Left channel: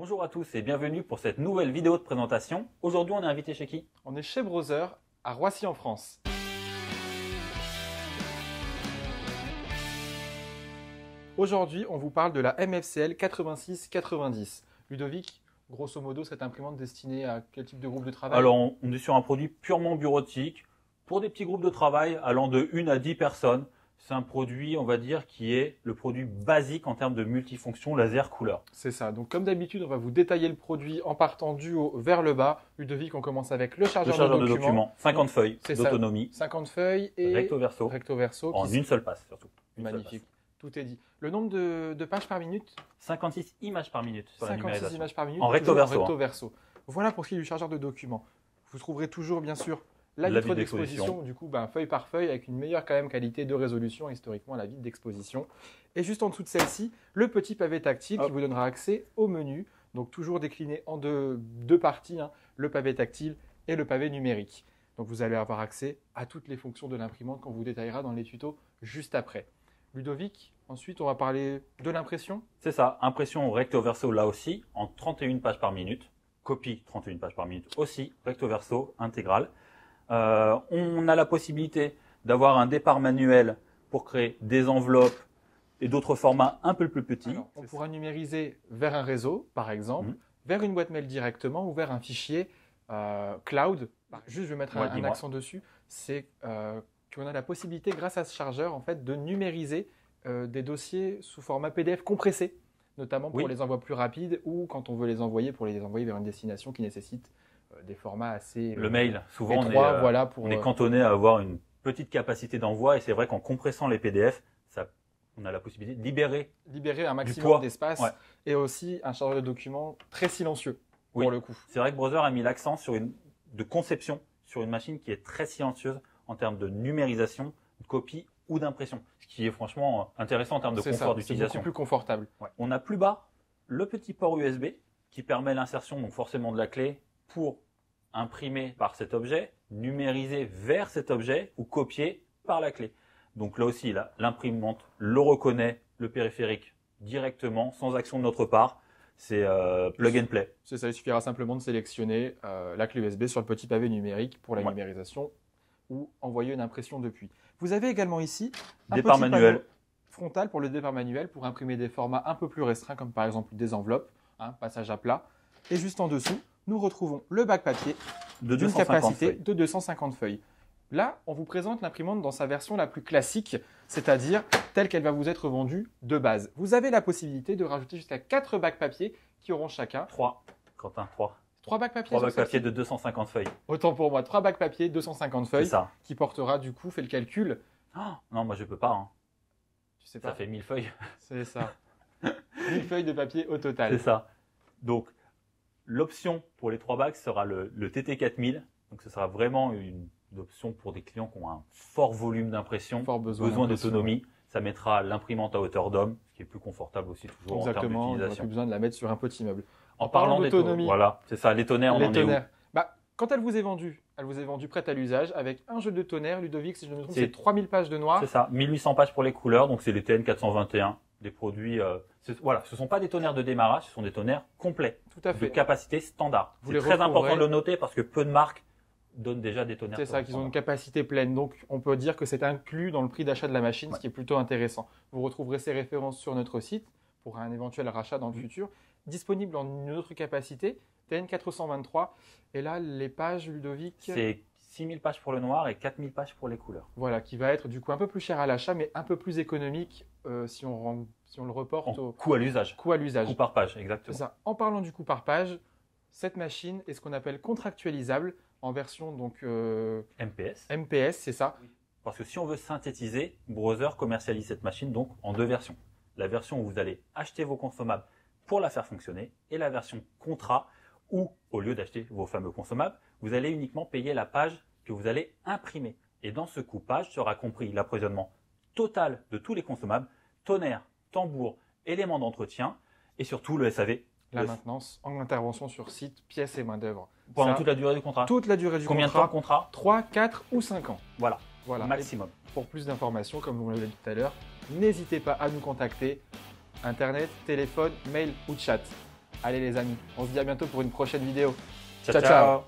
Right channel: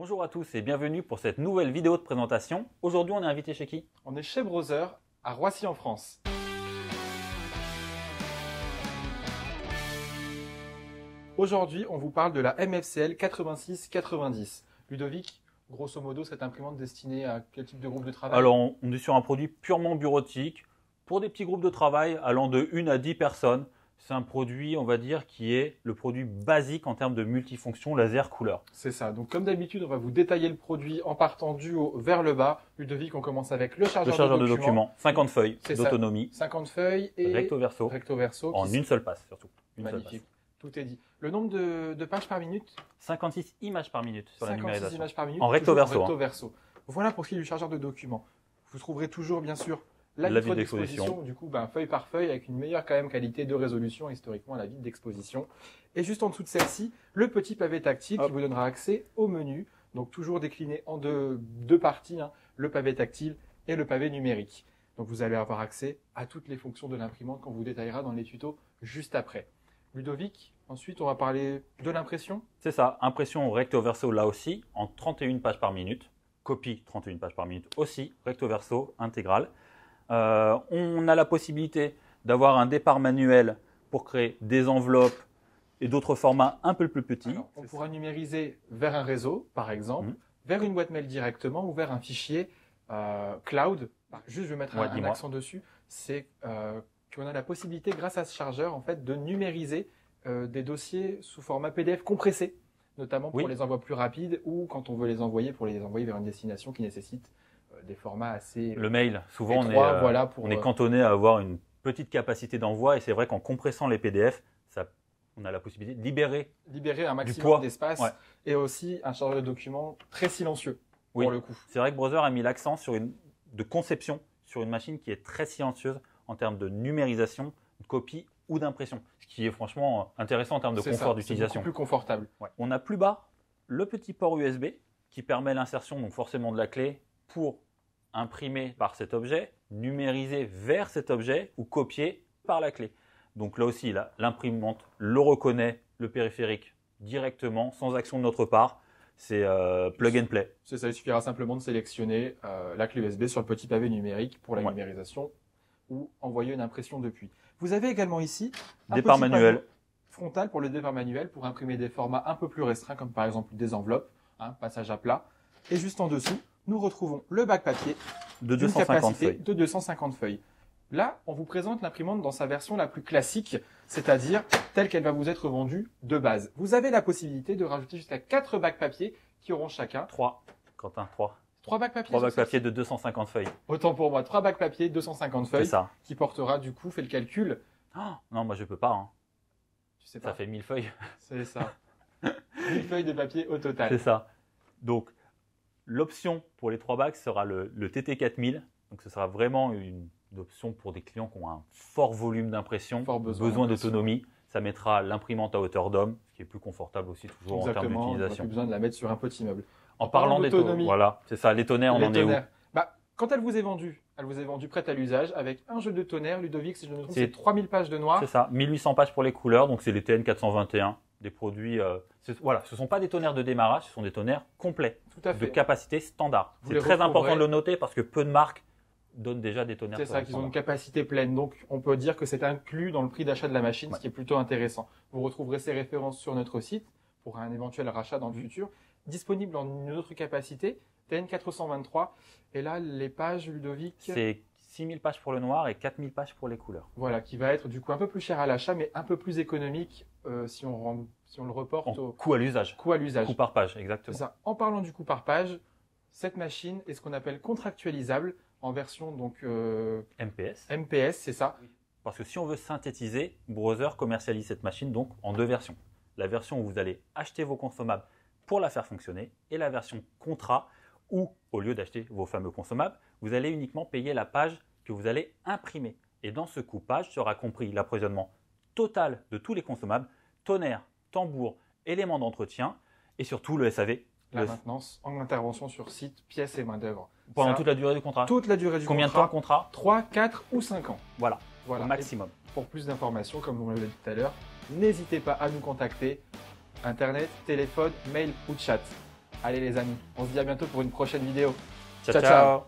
Bonjour à tous et bienvenue pour cette nouvelle vidéo de présentation. Aujourd'hui, on est invité chez qui? On est chez Brother à Roissy en France. Aujourd'hui, on vous parle de la MFCL 8690. Ludovic, grosso modo, cette imprimante destinée à quel type de groupe de travail? Alors, on est sur un produit purement bureautique pour des petits groupes de travail allant de 1 à 10 personnes. C'est un produit, on va dire, qui est le produit basique en termes de multifonction laser couleur. C'est ça. Donc, comme d'habitude, on va vous détailler le produit en partant du haut vers le bas. Ludovic, on commence avec le chargeur de documents. 50 feuilles C'est d'autonomie. 50 feuilles et Recto verso. En une seule passe, surtout. Magnifique. Tout est dit. Le nombre de pages par minute? 56 images par minute sur la 56 numérisation. images par minute. En recto verso. Voilà pour ce qui est du chargeur de documents. Vous trouverez toujours, bien sûr, la La vitre vitre d'exposition. d'exposition, du coup, feuille par feuille, avec une meilleure quand même qualité de résolution historiquement à la vitre d'exposition. Et juste en dessous de celle-ci, le petit pavé tactile qui vous donnera accès au menu. Donc toujours décliné en deux parties, hein, le pavé tactile et le pavé numérique. Donc vous allez avoir accès à toutes les fonctions de l'imprimante qu'on vous détaillera dans les tutos juste après. Ludovic, ensuite on va parler de l'impression. C'est ça, impression recto verso là aussi, en 31 pages par minute. Copie 31 pages par minute aussi, recto verso intégrale. On a la possibilité d'avoir un départ manuel pour créer des enveloppes et d'autres formats un peu plus petits. Alors, on pourra numériser vers un réseau, par exemple, vers une boîte mail directement ou vers un fichier cloud. Juste, je vais mettre un accent dessus. C'est qu'on a la possibilité, grâce à ce chargeur, en fait, de numériser des dossiers sous format PDF compressé, notamment pour les envois plus rapides ou quand on veut les envoyer vers une destination qui nécessite des formats assez le mail, souvent étroits, on est cantonné à avoir une petite capacité d'envoi et c'est vrai qu'en compressant les PDF, on a la possibilité de libérer un maximum d'espace et aussi un chargeur de documents très silencieux pour le coup. C'est vrai que Brother a mis l'accent sur de conception sur une machine qui est très silencieuse en termes de numérisation, de copie ou d'impression, ce qui est franchement intéressant en termes de confort d'utilisation. C'est beaucoup plus confortable. On a plus bas le petit port USB qui permet l'insertion donc forcément de la clé pour imprimer par cet objet, numériser vers cet objet ou copier par la clé. Donc là aussi, l'imprimante le reconnaît, le périphérique, directement, sans action de notre part. C'est plug and play. C'est ça, il suffira simplement de sélectionner la clé USB sur le petit pavé numérique pour la numérisation ou envoyer une impression depuis. Vous avez également ici un départ petit manuel frontal pour le départ manuel pour imprimer des formats un peu plus restreints comme par exemple des enveloppes, passage à plat. Et juste en dessous, nous retrouvons le bac papier d'une capacité de 250 feuilles. Là, on vous présente l'imprimante dans sa version la plus classique, c'est-à-dire telle qu'elle va vous être vendue de base. Vous avez la possibilité de rajouter jusqu'à 4 bacs papier qui auront chacun 3. Quentin, 3. 3 bacs papier. 3 bacs papier de 250 feuilles. Autant pour moi, 3 bacs papier, 250 feuilles. C'est ça. Qui portera du coup, fait le calcul. Oh, non, moi je peux pas. Tu sais pas. Ça fait 1000 feuilles. C'est ça. 1000 feuilles de papier au total. C'est ça. Donc, l'option pour les 3 bacs sera le TT4000. Donc, ce sera vraiment une option pour des clients qui ont un fort volume d'impression, besoin d'autonomie. Ça mettra l'imprimante à hauteur d'homme, ce qui est plus confortable aussi toujours en termes d'utilisation. On n'a plus besoin de la mettre sur un petit meuble. En parlant d'autonomie, voilà, c'est ça, les tonnerres, on en est où? Quand elle vous est vendue prête à l'usage avec un jeu de tonnerre, Ludovic, si je ne me trompe, c'est 3000 pages de noir. C'est ça, 1800 pages pour les couleurs, donc c'est les TN421, des produits. Voilà, ce ne sont pas des tonnerres de démarrage, ce sont des tonnerres complets, tout à fait, de capacité standard. C'est très important de le noter parce que peu de marques donnent déjà des tonnerres. C'est ça, qu'ils ont une capacité pleine, donc on peut dire que c'est inclus dans le prix d'achat de la machine, ce qui est plutôt intéressant. Vous retrouverez ces références sur notre site pour un éventuel rachat dans le futur. Disponible en une autre capacité, TN423. Et là, les pages, Ludovic, c'est 6000 pages pour le noir et 4000 pages pour les couleurs. Voilà, qui va être du coup un peu plus cher à l'achat, mais un peu plus économique si on le reporte au coût à l'usage. Coût par page, exactement. C'est ça. En parlant du coût par page, cette machine est ce qu'on appelle contractualisable en version donc MPS. MPS, c'est ça. Parce que si on veut synthétiser, Brother commercialise cette machine donc en 2 versions. La version où vous allez acheter vos consommables pour la faire fonctionner et la version contrat où, au lieu d'acheter vos fameux consommables, vous allez uniquement payer la page que vous allez imprimer. Et dans ce coût page sera compris l'approvisionnement total de tous les consommables, tonnerre, tambour, éléments d'entretien et surtout le SAV. La maintenance, en intervention sur site, pièces et main d'œuvre. Pendant toute la durée du contrat. Toute la durée du contrat. Combien de temps de contrat? 3, 4 ou 5 ans. Voilà, maximum. Pour plus d'informations, comme on l'a dit tout à l'heure, n'hésitez pas à nous contacter. Internet, téléphone, mail ou chat. Allez les amis, on se dit à bientôt pour une prochaine vidéo. Ciao, Ciao, ciao. ciao.